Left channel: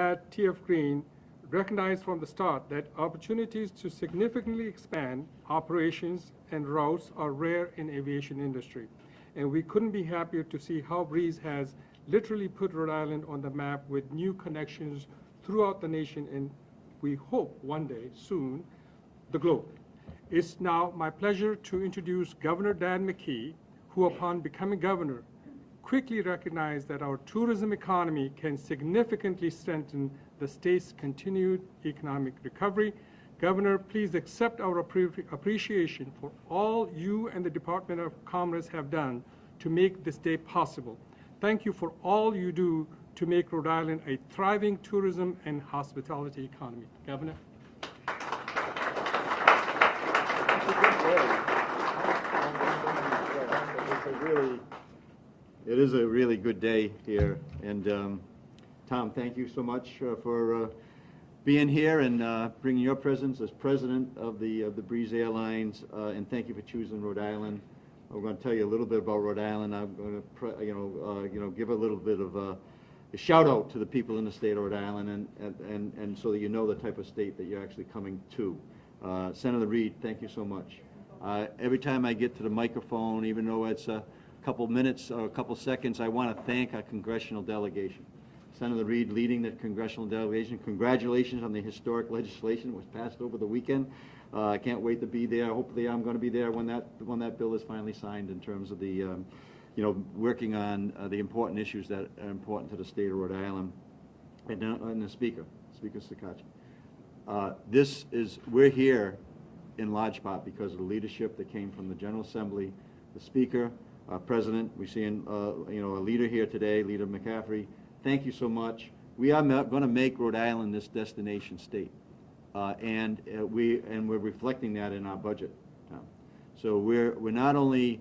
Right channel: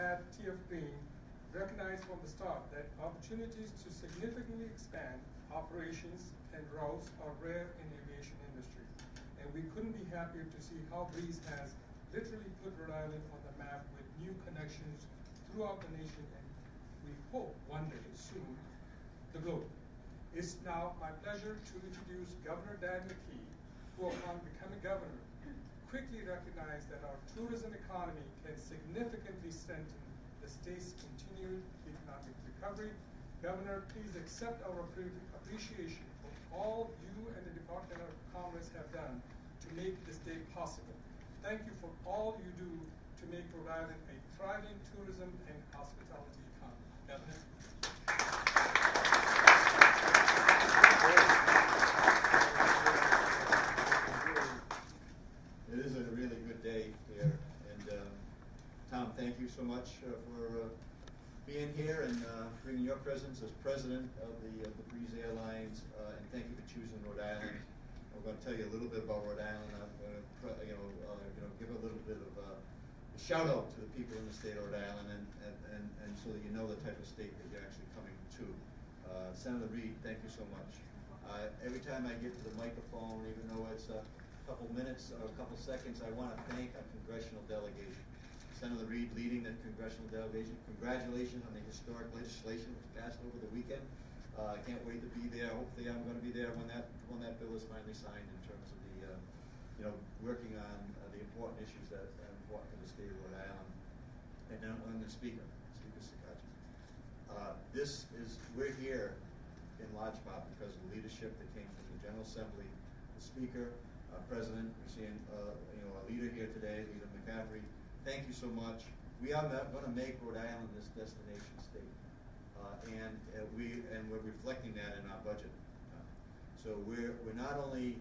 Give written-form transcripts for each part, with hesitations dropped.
at TF Green recognized from the start that opportunities to significantly expand operations and routes are rare in aviation industry. And we couldn't be happier to see how Breeze has literally put Rhode Island on the map with new connections throughout the nation, and we hope one day, soon, the globe. It's now my pleasure to introduce Governor Dan McKee, who upon becoming governor, quickly recognized that our tourism economy can significantly strengthen the state's continued economic recovery. Governor, please accept our appreciation for all you and the Department of Commerce have done to make this day possible. Thank you for all you do to make Rhode Island a thriving tourism and hospitality economy. Governor. It is a really good day here, and Tom, thank you so much for being here and bringing your presence as president of the Breeze Airlines, and thank you for choosing Rhode Island. We're going to tell you a little bit about Rhode Island. I'm going to give a little bit of a shout out to the people in the state of Rhode Island, and so that you know the type of state that you're actually coming to. Senator Reid, thank you so much. Every time I get to the microphone, even though it's a couple minutes or a couple seconds, I want to thank our congressional delegation. Senator Reid leading the congressional delegation. Congratulations on the historic legislation that was passed over the weekend. I can't wait to be there. Hopefully I'm going to be there when that bill is finally signed, in terms of the, working on the important issues that are important to the state of Rhode Island. And the Speaker Sakachi. We're here in large part because of the leadership that came from the General Assembly, the Speaker, our President. We're seeing, a leader here today, Leader McCaffrey. Thank you so much. We are going to make Rhode Island this destination state, and we're reflecting that in our budget. So we're not only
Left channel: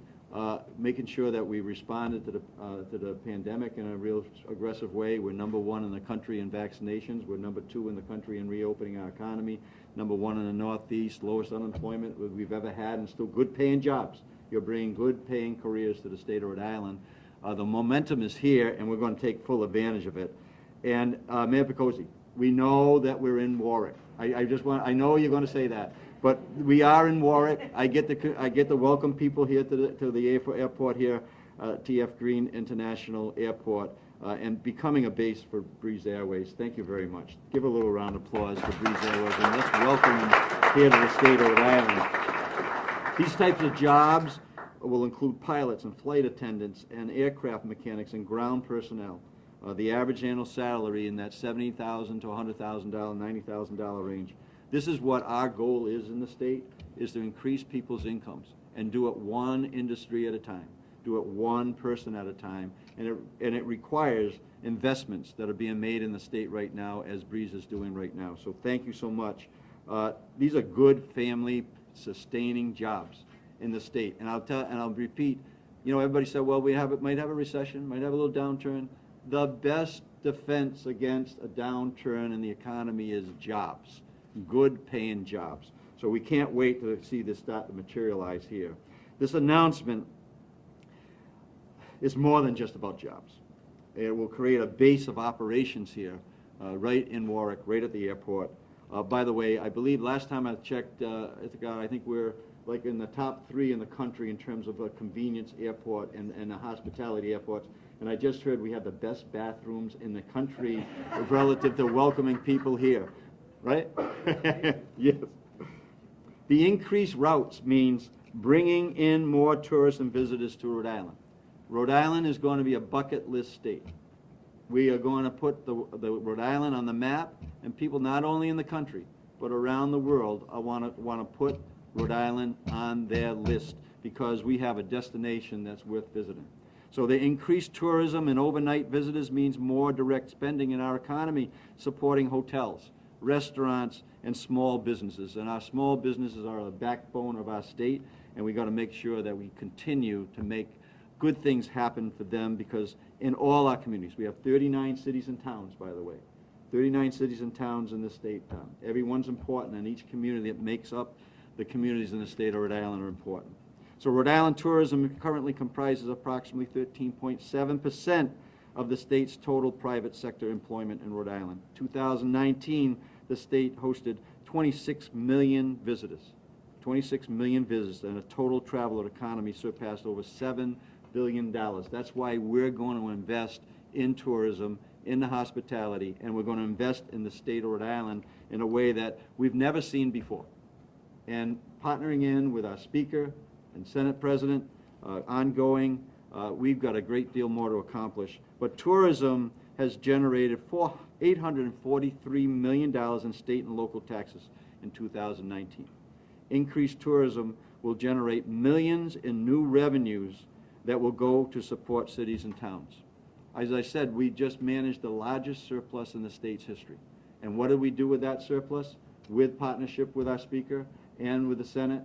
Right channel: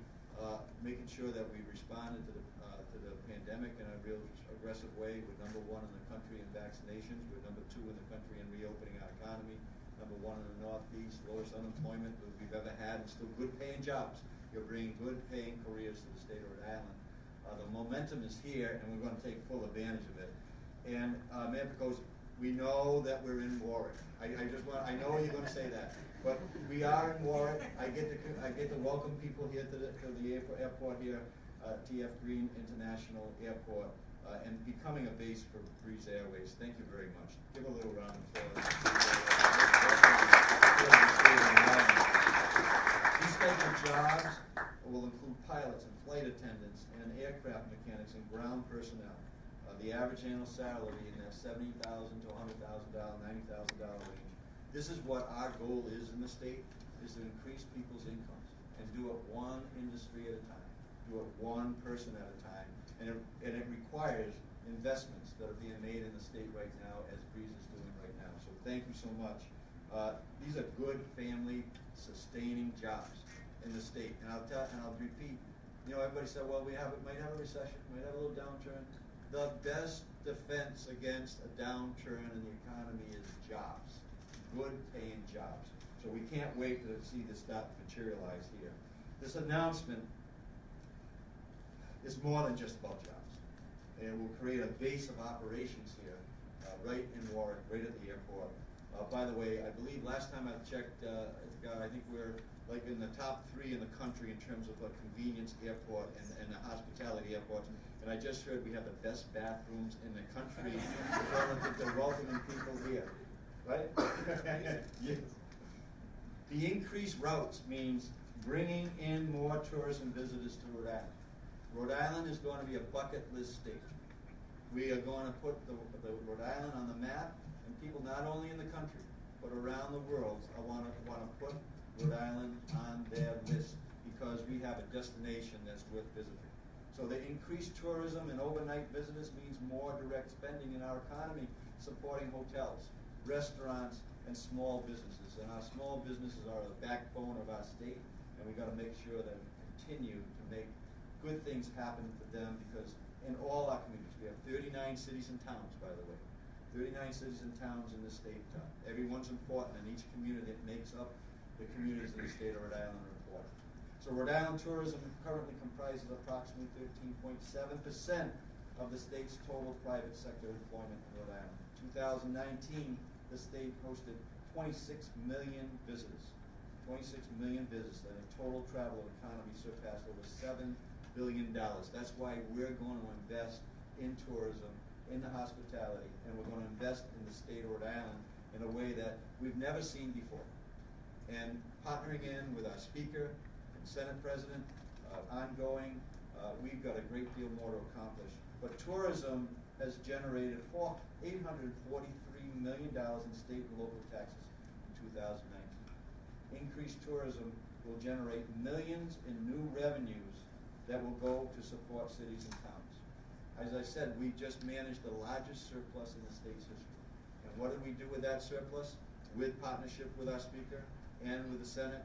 making sure that we responded to the pandemic in a real aggressive way. We're #1 in the country in vaccinations. We're #2 in the country in reopening our economy. #1 in the Northeast, lowest unemployment we've ever had, and still good paying jobs. You're bringing good paying careers to the state of Rhode Island. The momentum is here, and we're going to take full advantage of it. And Mayor Picozzi, we know that we're in Warwick. I know you're going to say that, but we are in Warwick. I get to welcome people here to the airport here, TF Green International Airport, and becoming a base for Breeze Airways. Thank you very much. Give a little round of applause to Breeze Airways, and let's welcome them here to the state of Rhode Island. These types of jobs will include pilots and flight attendants and aircraft mechanics and ground personnel. The average annual salary in that $70,000 to $100,000, $90,000 range. This is what our goal is in the state, is to increase people's incomes and do it one industry at a time, do it one person at a time, and it requires investments that are being made in the state right now, as Breeze is doing right now. So thank you so much. These are good family sustaining jobs in the state, and I'll repeat. Everybody said, well, might have a recession, might have a little downturn. The best defense against a downturn in the economy is jobs, good paying jobs. So we can't wait to see this start to materialize here. This announcement is more than just about jobs. It will create a base of operations here, right in Warwick, right at the airport. By the way, I believe last time I checked, I think we're like in the top 3 in the country in terms of a convenience airport and the hospitality airports. And I just heard we have the best bathrooms in the country relative to welcoming people here, right? Yes. The increased routes means bringing in more tourists and visitors to Rhode Island. Rhode Island is going to be a bucket list state. We are going to put the Rhode Island on the map, and people not only in the country but around the world want to put Rhode Island on their list because we have a destination that's worth visiting. So the increased tourism and overnight visitors means more direct spending in our economy, supporting hotels, restaurants, and small businesses. And our small businesses are the backbone of our state, and we've got to make sure that we continue to make good things happen for them, because in all our communities, we have 39 cities and towns, by the way. 39 cities and towns in the state. Everyone's important, and each community that makes up the communities in the state of Rhode Island are important. So Rhode Island tourism currently comprises approximately 13.7% of the state's total private sector employment in Rhode Island. 2019, the state hosted 26 million visitors. 26 million visitors, and a total traveler economy surpassed over $7 billion. That's why we're going to invest in tourism, in the hospitality, and we're going to invest in the state of Rhode Island in a way that we've never seen before. And partnering in with our Speaker and Senate President, ongoing, we've got a great deal more to accomplish. But tourism has generated $843 million in state and local taxes in 2019. Increased tourism will generate millions in new revenues that will go to support cities and towns. As I said, we just managed the largest surplus in the state's history. And what did we do with that surplus? With partnership with our Speaker and with the Senate,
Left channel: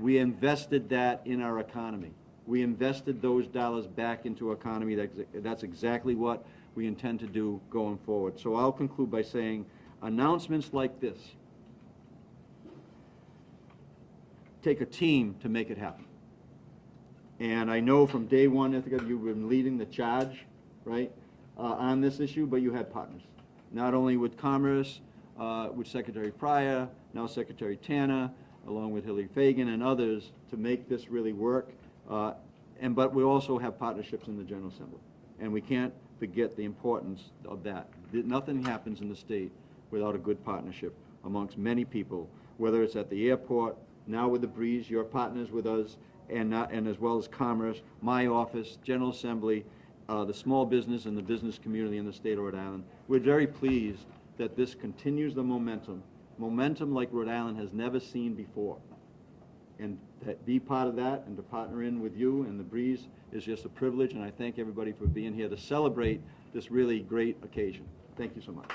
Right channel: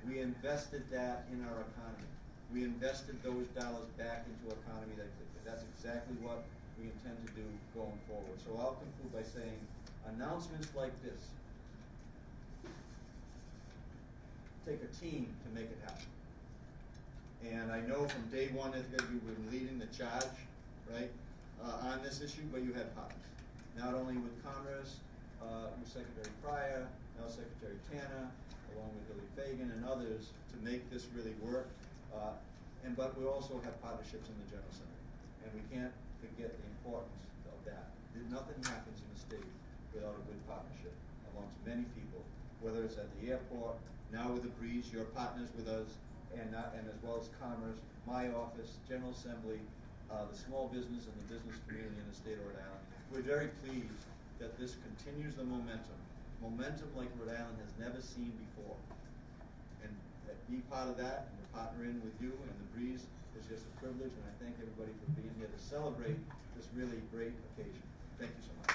we invested that in our economy. We invested those dollars back into economy. That's exactly what we intend to do going forward. So I'll conclude by saying announcements like this take a team to make it happen. And I know from day one, I think you've been leading the charge, right, on this issue, but you had partners. Not only with Commerce, with Secretary Pryor, now Secretary Tanner, along with Hillary Fagan and others, to make this really work. But we also have partnerships in the General Assembly. And we can't forget the importance of that. Nothing happens in the state without a good partnership amongst many people, whether it's at the airport, now with the Breeze, your partners with us, and as well as Commerce, my office, General Assembly, the small business and the business community in the state of Rhode Island. We're very pleased that this continues the momentum like Rhode Island has never seen before. And that be part of that and to partner in with you and the Breeze is just a privilege, and I thank everybody for being here to celebrate this really great occasion. Thank you so much.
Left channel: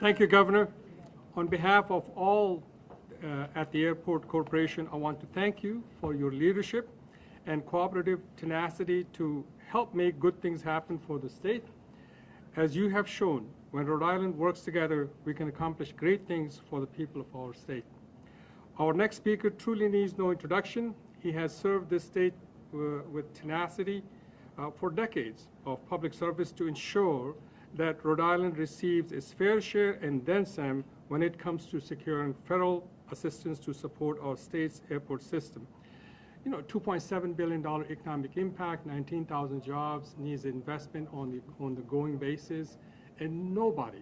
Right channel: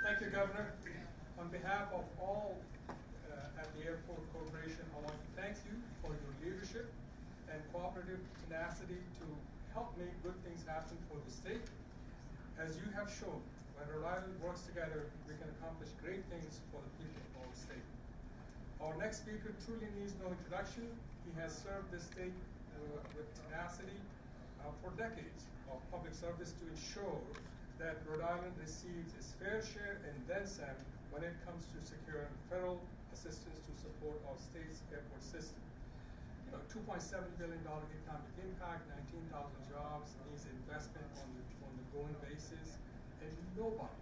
Thank you, Governor. On behalf of all at the Airport Corporation, I want to thank you for your leadership and cooperative tenacity to help make good things happen for the state. As you have shown, when Rhode Island works together, we can accomplish great things for the people of our state. Our next speaker truly needs no introduction. He has served this state with tenacity for decades of public service to ensure that Rhode Island receives its fair share and then some when it comes to securing federal assistance to support our state's airport system. You know, $2.7 billion economic impact, 19,000 jobs, needs investment on the going basis, and nobody,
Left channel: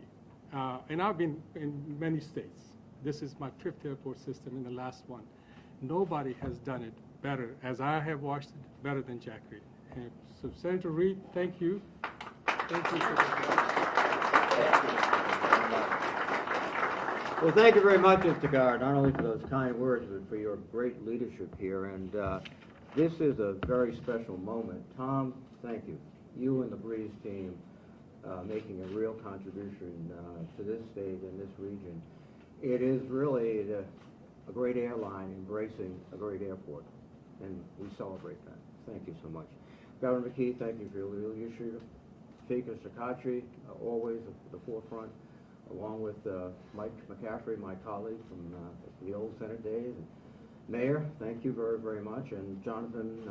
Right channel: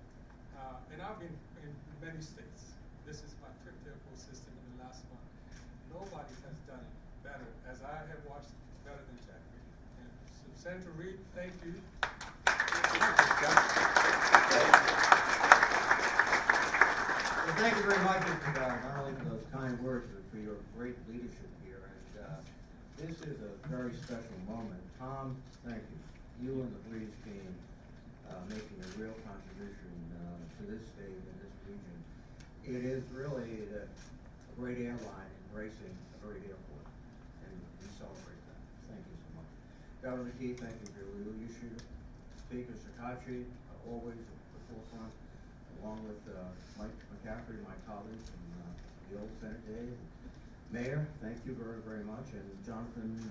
and I've been in many states. This is my 5th airport system in the last one. Nobody has done it better, as I have watched it, better than Jack Reed. And so Senator Reed, thank you. Thank you. Well, thank you very much, Mr. Garrett, not only for those kind words, but for your great leadership here. And this is a very special moment. Tom, thank you. You and the Breeze team making a real contribution to this state and this region. It is really a great airline embracing a great airport, and we celebrate that. Thank you so much. Governor McKee, thank you for your leadership. Speaker Sakachi, always at the forefront, along with Mike McCaffrey, my colleague from the old Senate days. And Mayor, thank you very, very much. And Jonathan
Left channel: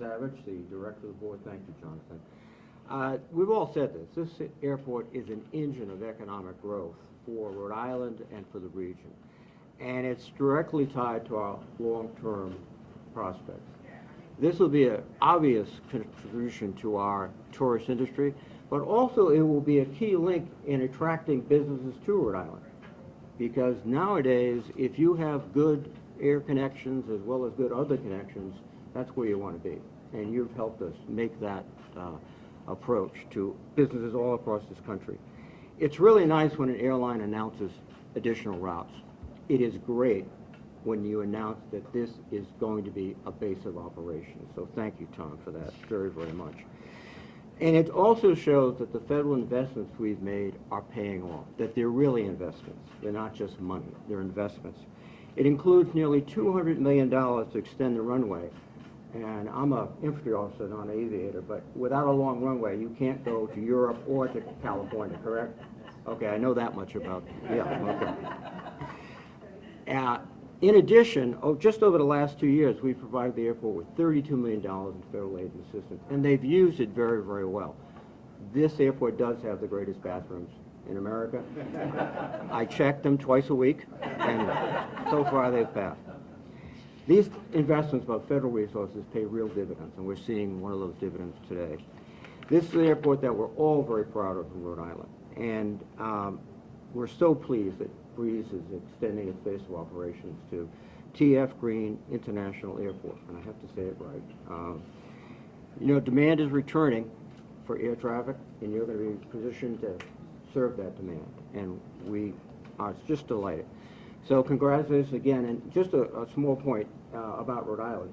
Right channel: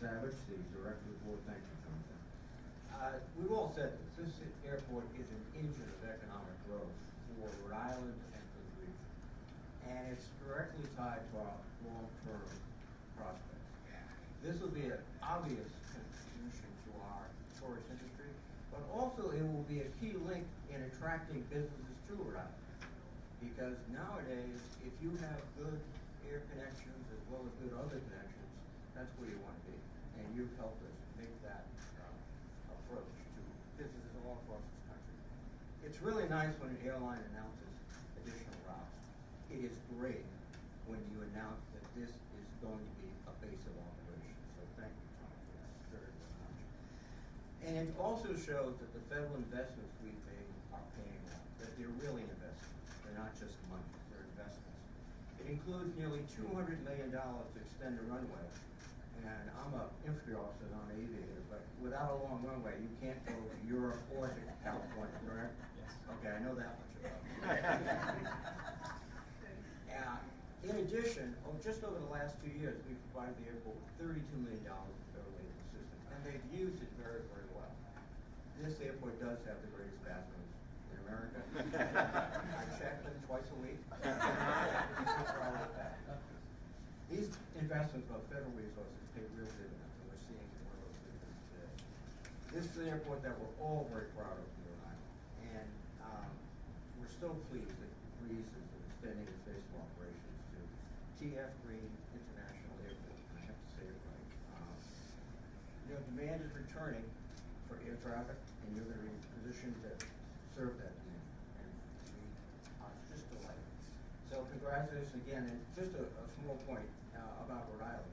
Savage, the Director of the Board, thank you, Jonathan. We've all said this. This airport is an engine of economic growth for Rhode Island and for the region. And it's directly tied to our long-term prospects. This will be an obvious contribution to our tourist industry, but also it will be a key link in attracting businesses to Rhode Island. Because nowadays, if you have good air connections as well as good other connections, that's where you want to be. And you've helped us make that approach to businesses all across this country. It's really nice when an airline announces additional routes. It is great when you announce that this is going to be a base of operations. So thank you, Tom, for that very, very much. And it also shows that the federal investments we've made are paying off, that they're really investments. They're not just money, they're investments. It includes nearly $200 million to extend the runway. And I'm an infantry officer, not an aviator, but without a long runway, you can't go to Europe or to California, correct? Okay, I know that much about it. Yeah, okay. In addition, just over the last 2 years, we've provided the airport with $32 million in federal aid and assistance, and they've used it very, very well. This airport does have the greatest bathrooms in America. I check them twice a week, and so far they've passed. These investments of federal resources pay real dividends, and we're seeing one of those dividends today. This is an airport that we're all very proud of in Rhode Island, and we're so pleased that Breeze is extending its base of operations to T.F. Green International Airport, and I have to say it right. You know, demand is returning for air traffic, and you're going to be positioned to serve that demand, and we are just delighted. So congratulations again, and just a small point about Rhode Island.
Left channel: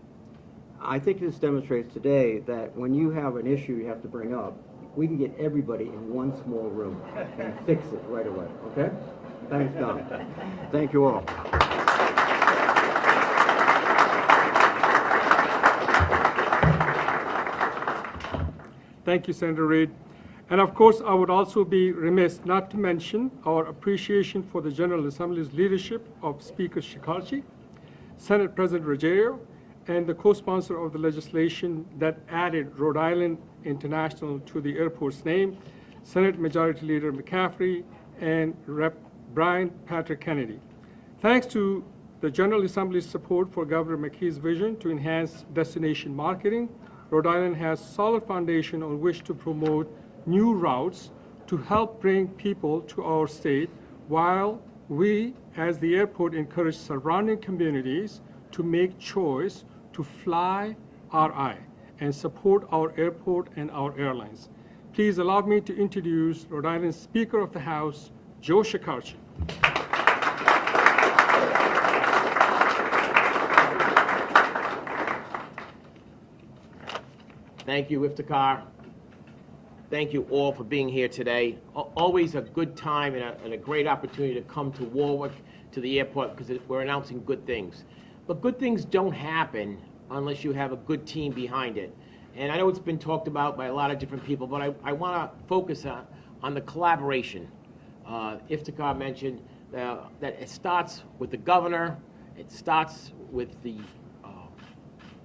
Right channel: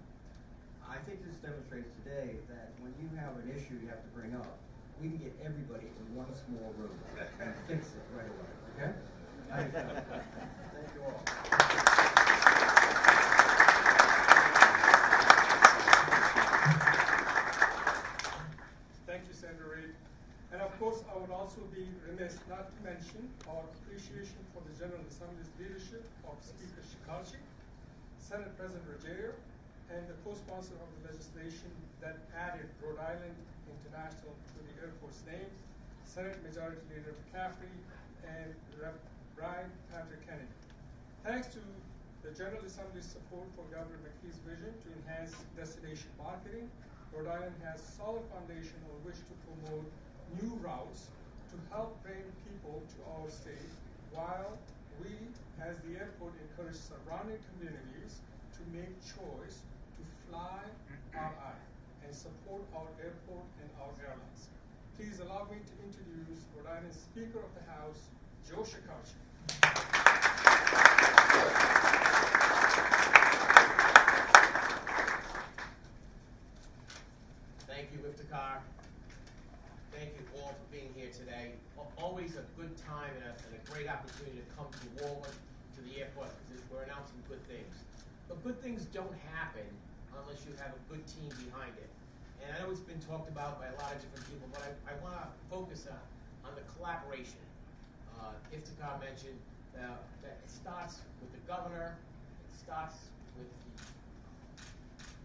I think this demonstrates today that when you have an issue you have to bring up, we can get everybody in one small room and fix it right away, okay? Thanks, Don. Thank you all. Thank you, Senator Reid. And of course, I would also be remiss not to mention our appreciation for the General Assembly's leadership of Speaker Shekarchi, Senate President Ruggiero, and the co-sponsor of the legislation that added Rhode Island International to the airport's name, Senate Majority Leader McCaffrey and Rep. Brian Patrick Kennedy. Thanks to the General Assembly's support for Governor McKee's vision to enhance destination marketing, Rhode Island has solid foundation on which to promote new routes to help bring people to our state, while we, as the airport, encourage surrounding communities to make choice to fly RI and support our airport and our airlines. Please allow me to introduce Rhode Island's Speaker of the House, Joe Shekarchi. Thank you, Iftikhar. Thank you all for being here today. Always a good time and a great opportunity to come to Warwick, to the airport, because we're announcing good things. But good things don't happen unless you have a good team behind it. And I know it's been talked about by a lot of different people, but I want to focus on the collaboration. Iftikhar mentioned that it starts with the governor, it starts with the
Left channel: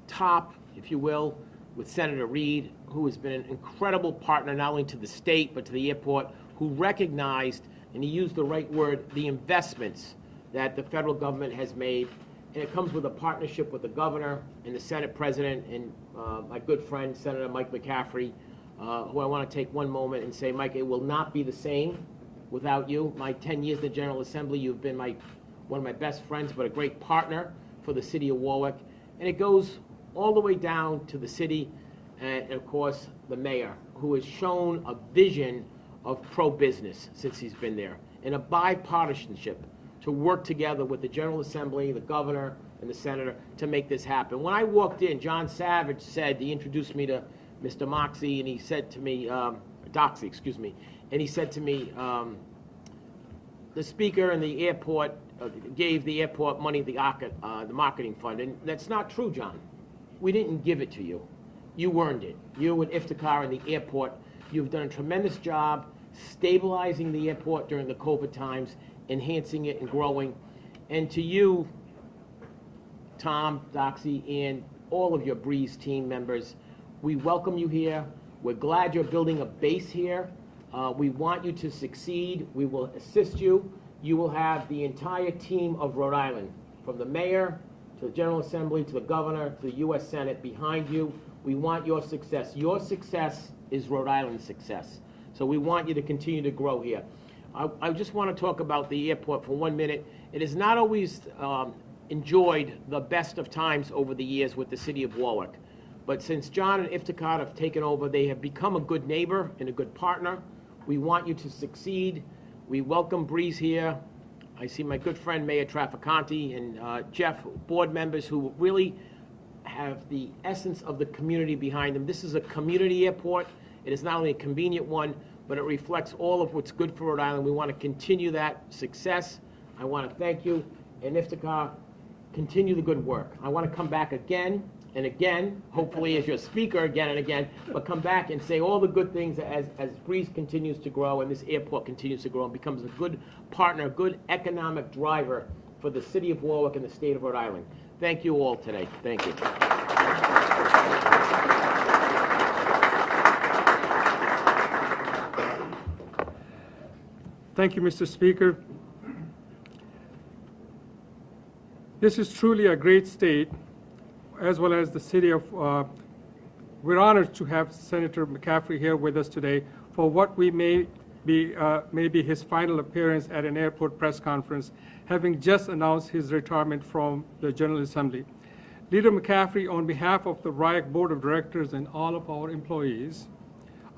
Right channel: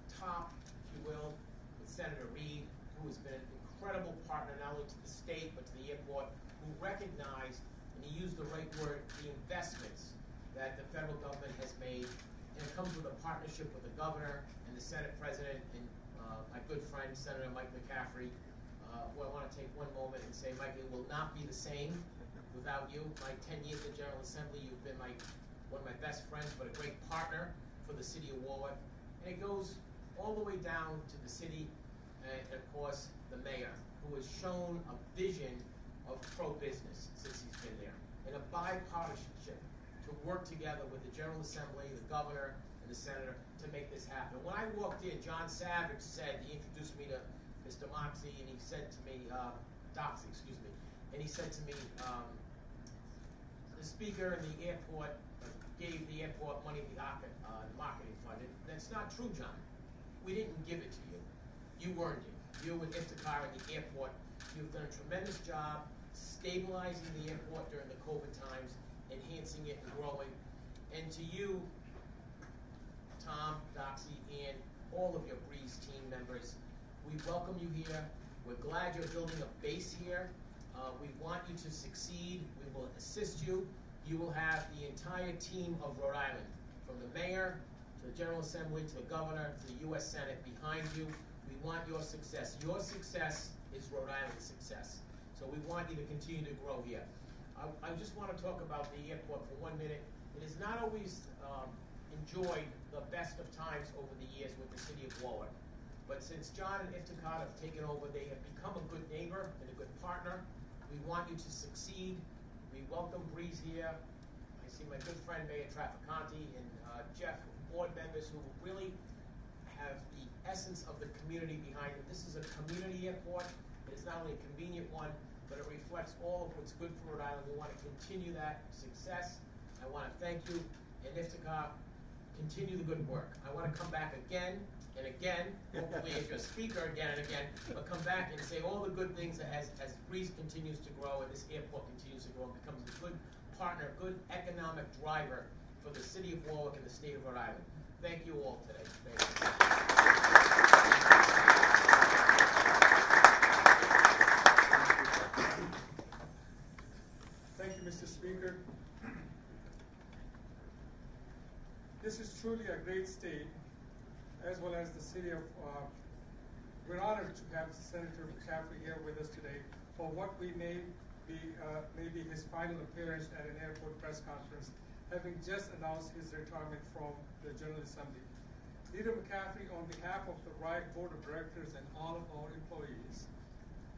top, if you will, with Senator Reid, who has been an incredible partner not only to the state but to the airport, who recognized, and he used the right word, the investments that the federal government has made. And it comes with a partnership with the governor and the Senate president and my good friend, Senator Mike McCaffrey, who I want to take one moment and say, Mike, it will not be the same without you. My 10 years in the General Assembly, you've been one of my best friends, but a great partner for the city of Warwick. And it goes all the way down to the city and of course, the mayor, who has shown a vision of pro-business since he's been there, and a bipartisanship to work together with the General Assembly, the governor, and the senator to make this happen. When I walked in, John Savage said, he introduced me to Mr. Moxie, and he said to me, Doxey, excuse me, and he said to me, the speaker and the airport gave the airport money, the marketing fund, and that's not true, John. We didn't give it to you. You earned it. You and Iftikhar and the airport, you've done a tremendous job stabilizing the airport during the COVID times, enhancing it and growing. And to you, Tom, Doxey, and all of your Breeze team members, we welcome you here. We're glad you're building a base here. We want you to succeed. We will assist you. You will have the entire team of Rhode Island, from the mayor to the General Assembly, to the governor, to the U.S. Senate behind you. We want your success. Your success is Rhode Island's success. So we want you to continue to grow here. I just want to talk about the airport for 1 minute. It has not always enjoyed the best of times over the years with the city of Warwick. But since John and Iftikhar have taken over, they have become a good neighbor and a good partner. We want you to succeed. We welcome Breeze here. I see my good friend Mayor Traficante and Jeff, board members who really have the essence of the community behind them. This is a community airport. It is not only a convenient one, but it reflects all of what's good for Rhode Island. We want to continue that success. I want to thank you. And Iftikhar, continue the good work. I want to come back again and again, hopefully as your speaker again and again, but come back and say all the good things as Breeze continues to grow and this airport continues to grow and becomes a good partner, a good economic driver for the city of Warwick and the state of Rhode Island. Thank you all today. Thank you. Thank you, Mr. Speaker. This is truly a great state, as well as the city of, we're honored to have Senator McCaffrey here with us today for what we may be his final appearance at an airport press conference, having just announced his retirement from the General Assembly. Leader McCaffrey, on behalf of the RIAC Board of Directors and all of our employees,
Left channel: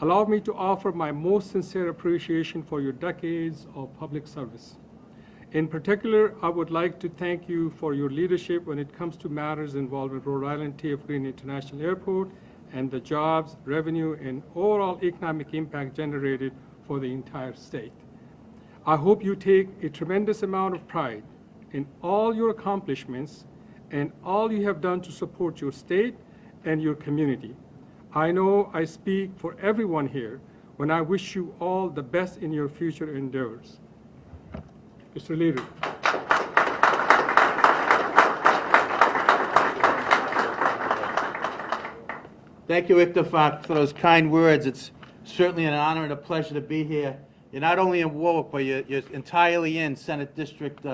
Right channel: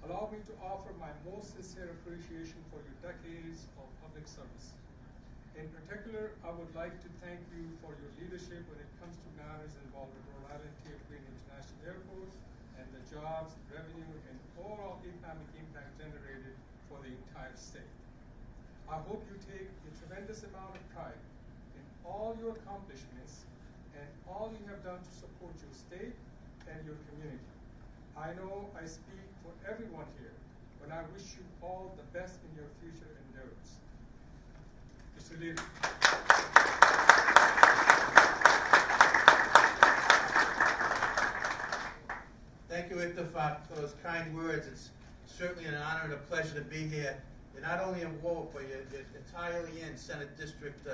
allow me to offer my most sincere appreciation for your decades of public service. In particular, I would like to thank you for your leadership when it comes to matters involving Rhode Island T.F. Green International Airport and the jobs, revenue, and overall economic impact generated for the entire state. I hope you take a tremendous amount of pride in all your accomplishments and all you have done to support your state and your community. I know I speak for everyone here when I wish you all the best in your future endeavors. Mr. Leader. Thank you, Victor, for those kind words. It's certainly an honor and a pleasure to be here. You're not only in Warwick, but you're entirely in Senate District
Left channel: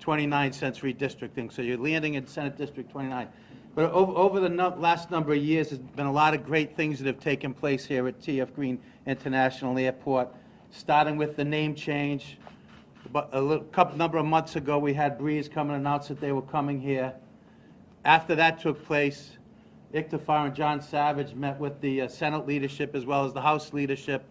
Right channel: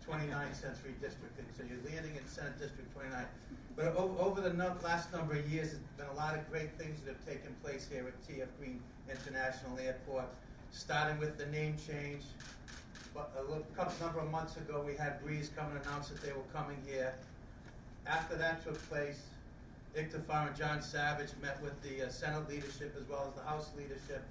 29 since redistricting, so you're landing in Senate District 29. But over the last number of years, there's been a lot of great things that have taken place here at T.F. Green International Airport, starting with the name change. But a number of months ago, we had Breeze come and announce that they were coming here. After that took place, Ictifar and John Savage met with the Senate leadership as well as the House leadership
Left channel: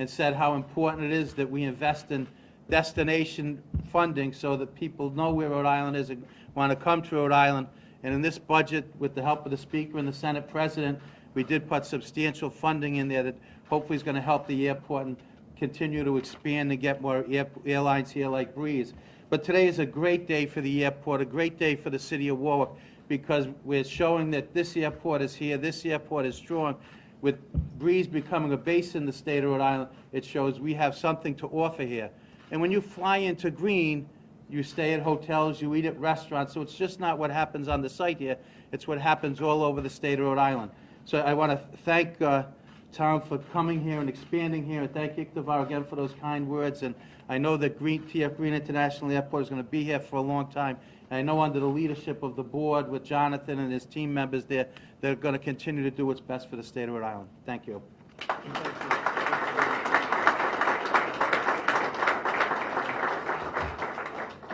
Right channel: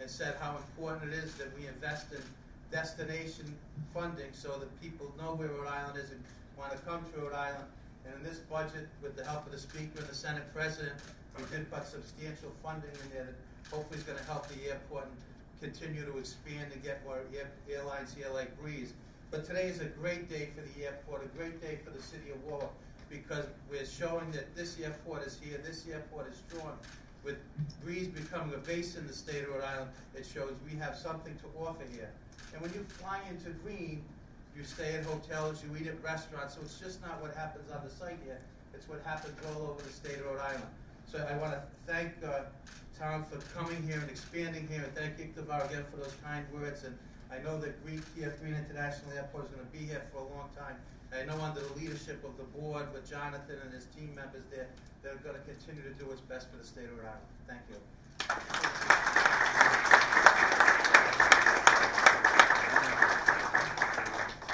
and said how important it is that we invest in destination funding so that people know where Rhode Island is and want to come to Rhode Island. And in this budget, with the help of the Speaker and the Senate President, we did put substantial funding in there that hopefully is going to help the airport and continue to expand and get more airlines here like Breeze. But today is a great day for the airport, a great day for the city of Warwick, because we're showing that this airport is here, this airport is strong. With Breeze becoming a base in the state of Rhode Island, it shows we have something to offer here. And when you fly into Green, you stay at hotels, you eat at restaurants, so it's just not what happens on the site here, it's what happens all over the state of Rhode Island. So I want to thank Tom for coming here and expanding here, and thank Ictifar again for those kind words. And I know that T.F. Green International Airport is going to be here for a long time. And I know under the leadership of the board with Jonathan and his team members there, they're going to continue to do what's best for the state of Rhode Island. Thank you.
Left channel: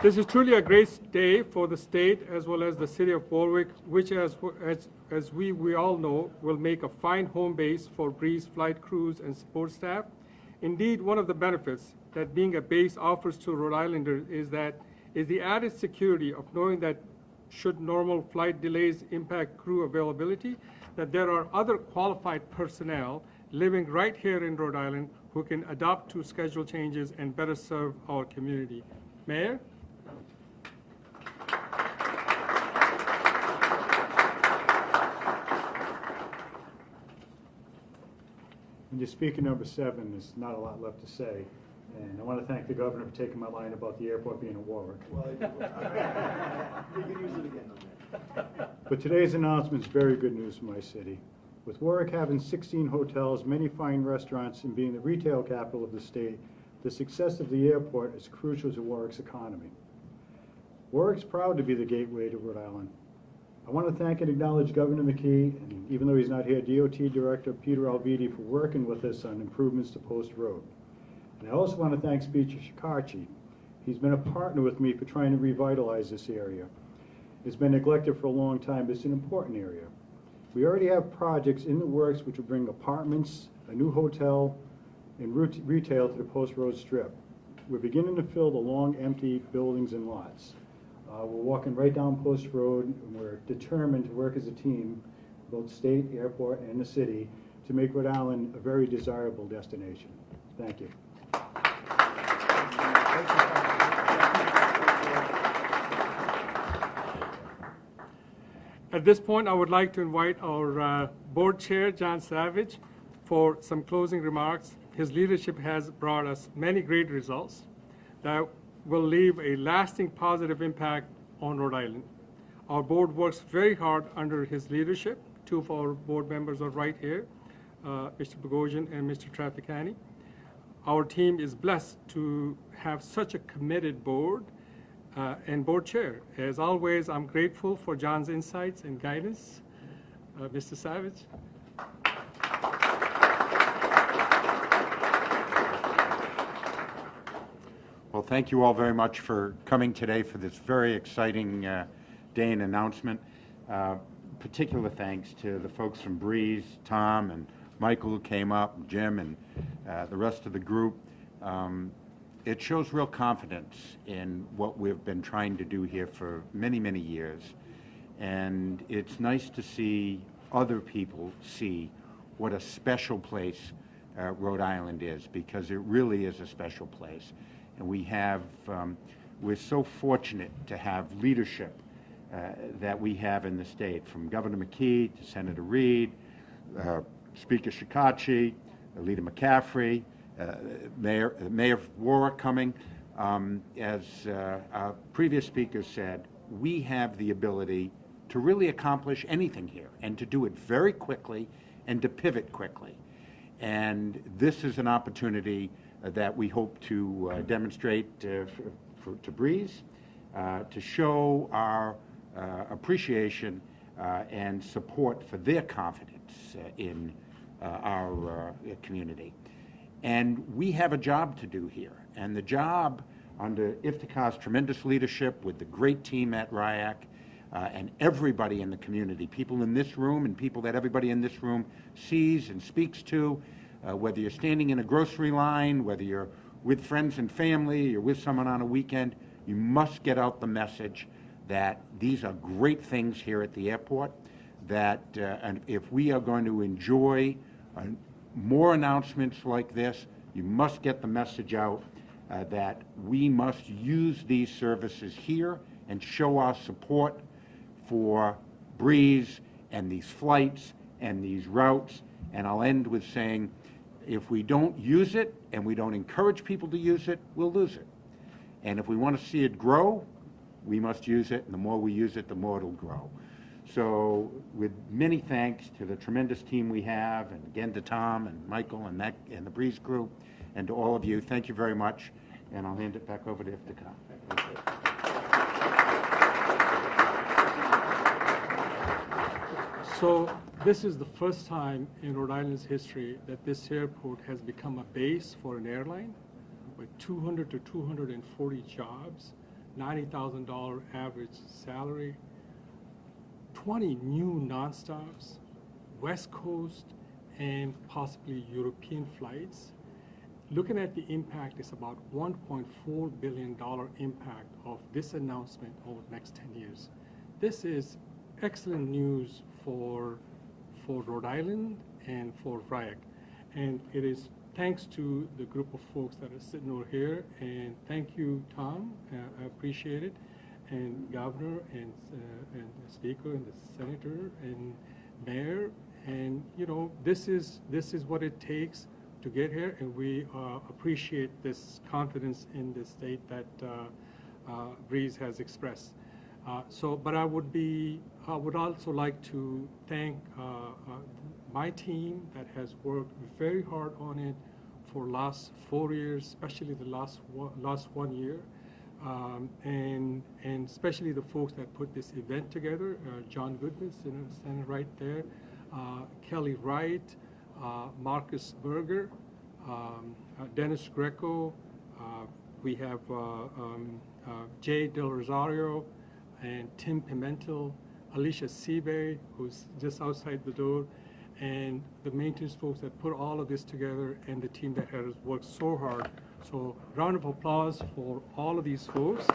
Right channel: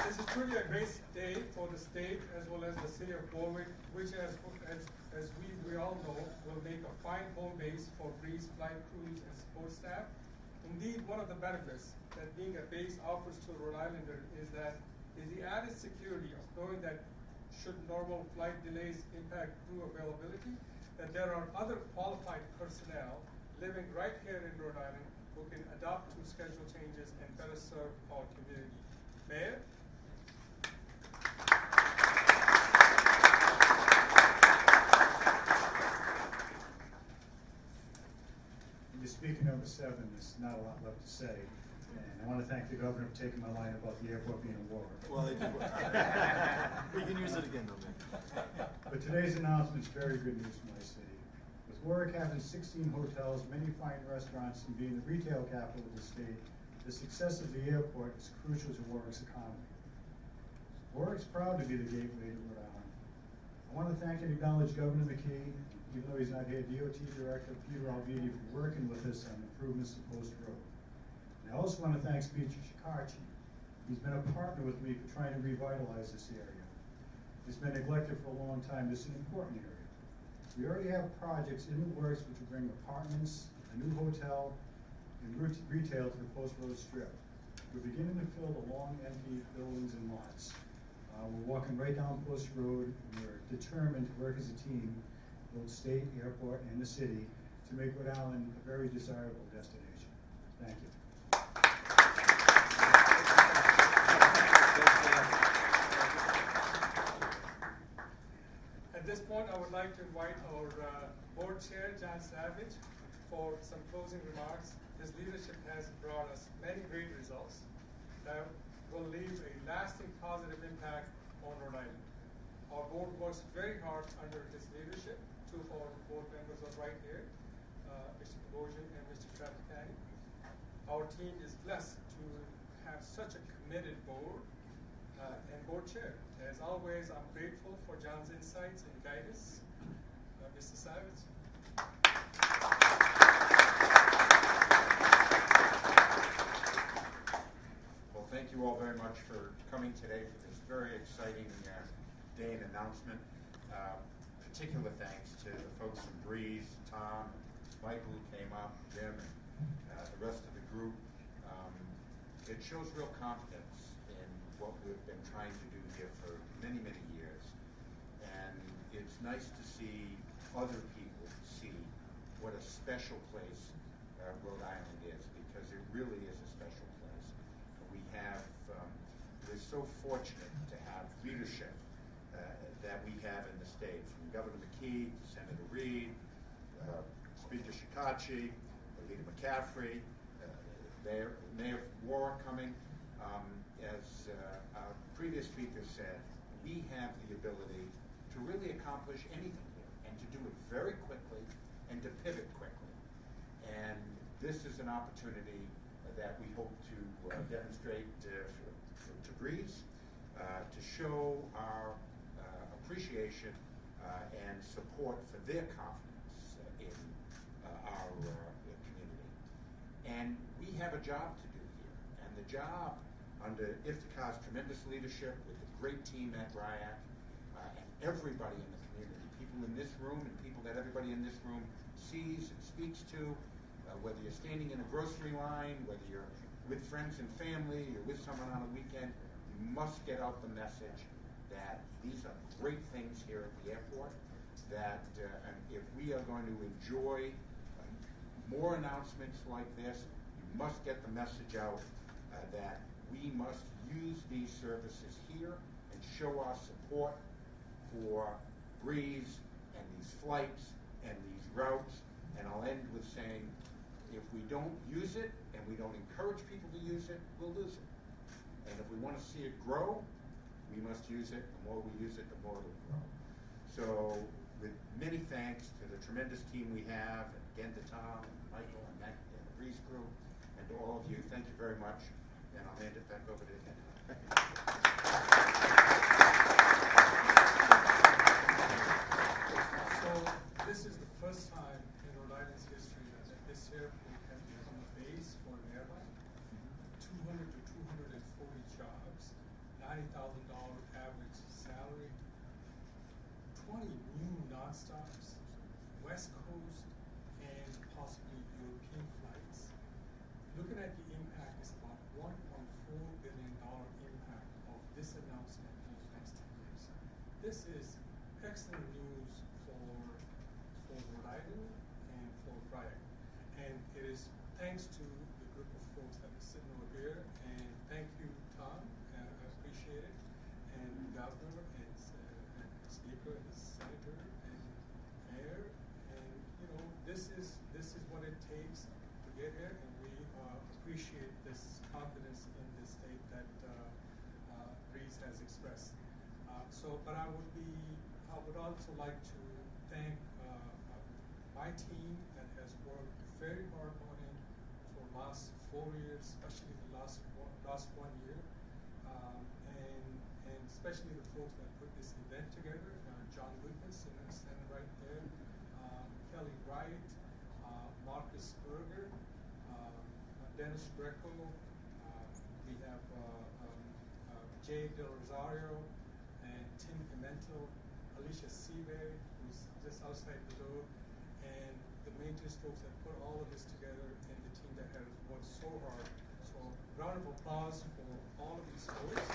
This is truly a great day for the state as well as the city of Warwick, which as we all know, will make a fine home base for Breeze flight crews and support staff. Indeed, one of the benefits that being a base offers to Rhode Islanders is the added security of knowing that should normal flight delays impact crew availability, that there are other qualified personnel living right here in Rhode Island who can adapt to schedule changes and better serve our community. Mayor? And your speaker number 7, there's not a lot left to say. And I want to thank the governor for taking my line about the airport being in Warwick. Well, you can use it again, though. But today's announcement is very good news for my city. With Warwick having 16 hotels, many fine restaurants, and being the retail capital of the state, the success of the airport is crucial to Warwick's economy. Warwick's proud to be the gateway to Rhode Island. I want to thank and acknowledge Governor McKee, and even though he's not here, DOT Director Peter Alviti for working with us on improvements to Post Road. And I also want to thank Speaker Shikarchi. He's been a partner with me for trying to revitalize this area. It's been neglected for a long time, but it's an important area. We already have projects in the works which will bring apartments, a new hotel, and retail to the Post Road Strip. We're beginning to fill the long empty buildings and lots. We're walking right down Post Road, and we're determined to work as a team, both state, airport, and the city, to make Rhode Island a very desirable destination. Thank you. At this point, I would like to invite our board chair, John Savage, for some closing remarks. His leadership has brought us many great results. Now, will leave a lasting positive impact on Rhode Island. Our board works very hard under his leadership. Two of our board members are right here, Mr. Bogosian and Mr. Traficani. Our team is blessed to have such a committed board and board chair. As always, I'm grateful for John's insights and guidance. Mr. Savage. Well, thank you all very much for coming today for this very exciting day and announcement. Particular thanks to the folks from Breeze, Tom and Michael who came up, Jim and the rest of the group. It shows real confidence in what we've been trying to do here for many, many years. And it's nice to see other people see what a special place Rhode Island is, because it really is a special place. And we have, we're so fortunate to have leadership that we have in the state, from Governor McKee to Senator Reed, Speaker Shekarchi, Leader McCaffrey, Mayor Warwick coming. As our previous speaker said, we have the ability to really accomplish anything here and to do it very quickly and to pivot quickly. And this is an opportunity that we hope to demonstrate to Breeze, to show our appreciation and support for their confidence in our community. And we have a job to do here. And the job, under Iftikhar's tremendous leadership with the great team at RIAC, and everybody in the community, people in this room and people that everybody in this room sees and speaks to, whether you're standing in a grocery line, whether you're with friends and family, you're with someone on a weekend, you must get out the message that these are great things here at the airport, that and if we are going to enjoy more announcements like this, you must get the message out that we must use these services here and show our support for Breeze and these flights and these routes. And I'll end with saying, if we don't use it and we don't encourage people to use it, we'll lose it. And if we want to see it grow, we must use it, and the more we use it, the more it'll grow. So with many thanks to the tremendous team we have, and again to Tom and Michael and the Breeze crew, and to all of you, thank you very much. And I'll hand it back over to Iftikhar. So this is the first time in Rhode Island's history that this airport has become a base for an airline with 200 to 240 jobs, $90,000 average salary, 20 new nonstops, West Coast and possibly European flights. Looking at the impact, it's about $1.4 billion impact of this announcement over the next 10 years. This is excellent news for Rhode Island and for RIAC. And it is thanks to the group of folks that are sitting over here. And thank you, Tom. I appreciate it. And Governor and the Speaker and the Senator and Mayor. And you know, this is what it takes to get here, and we appreciate this confidence in the state that Breeze has expressed. But I would also like to thank my team that has worked very hard on it for last 4 years, especially the last 1 year, and especially the folks that put this event together. John Goodman, standing right there, Kelly Wright, Marcus Berger, Dennis Greco, we have Jay Del Rosario, and Tim Pimentel, Alicia Seabury, who's just outside the door, and the maintenance folks that put all of this together, and the team that has worked so hard. So round of applause for all of these folks.